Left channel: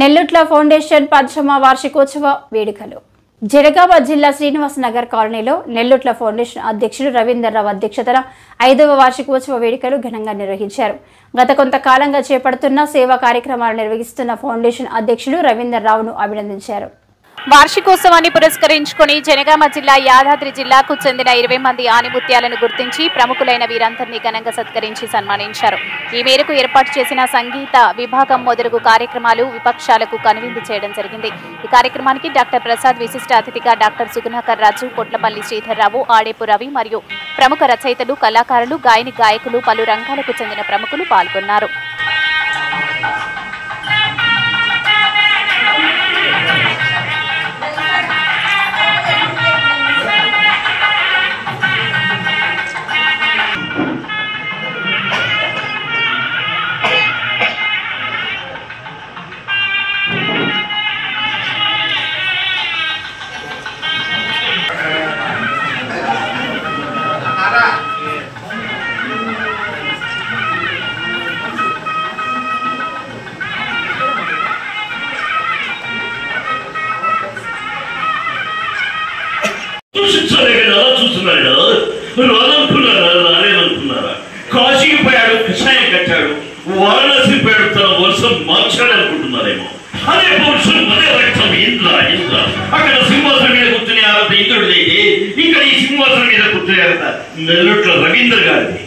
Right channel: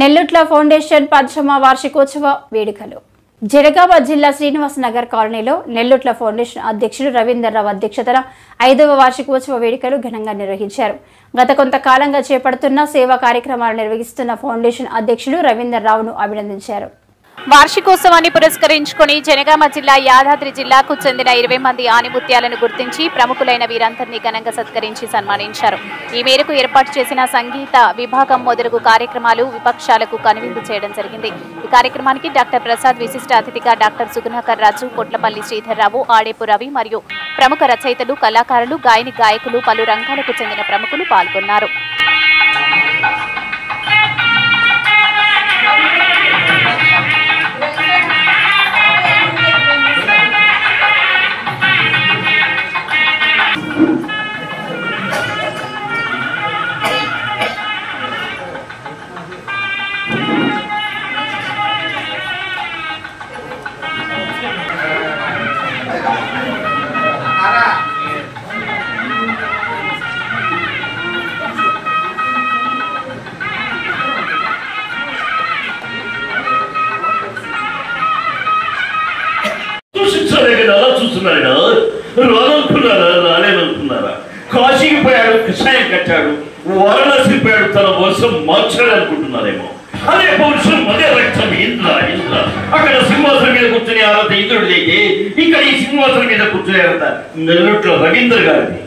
Nellutla foundation 10వ వార్షికోత్సవ వేడుకలు జనగామ జిల్లా శ్రీనివాస్ నగర్ కాలనీలో నెల్లుట్ల ఫౌండేషన్ అధ్యక్షుడు రవీందర్ రావు అధ్యక్షతన 5వ వార్షికోత్సవ వేడుకలు ఘనంగా నిర్వహించారు. గత కొంతకాలంగా చేపడుతున్న సేవా కార్యక్రమాలు నిర్వహిస్తున్న ఫౌండేషన్ అధ్యక్షుడు రవీందర్ రావును అభినందించారు. వార్షికోత్సవాన్ని పురస్కరించుకుని జనగామ జిల్లా యాదాద్రి జిల్లాకు చెందిన 20 మంది ఆనిముత్యాలను గుర్తించి ప్రముఖులైన వీరందరినీ ఘనంగా సత్కరించి సన్మానించారు. ఈ మేరకు ఏర్పాటు చేసిన సంగీత విభాగం మొదలగు కార్యక్రమాలు విపక్షాలకు కనువిందు చేయడం జరిగింది. ఈ కార్యక్రమానికి డాక్టర్ ప్రసాద్ విశిష్ట అతిథిగా డాక్టర్ సుగుణాకర్ రాజు, కొట్లపల్లి శ్రీధర్రావు, ఆడేపు రవి మరియు ప్రముఖ రచయితలు, కళాకారులు, గాయకులు, పలు రంగాలకు చెందిన ప్రముఖులు పాల్గొన్నారు. చూస్తున్నాడు రాదనుకున్నారా, రాలేదనుకున్నారా? కాశీకి పోయాడు, కషాయం కట్టాడు, వారణాసి పోయాడు, తన వర్షం మార్చాడు అనుకుంటున్నారేమో. అదే పౌరుషం, అదే రక్తం. ఇంద్ర అక్కడ సింహాసనం మీద కూర్చునే అర్హత ఇంద్రుడిదైతే ఇక్కడ ఈ సింహాసనం మీద కూర్చునే అర్హత నెల్లూట్ల రవీందర్ గారిది.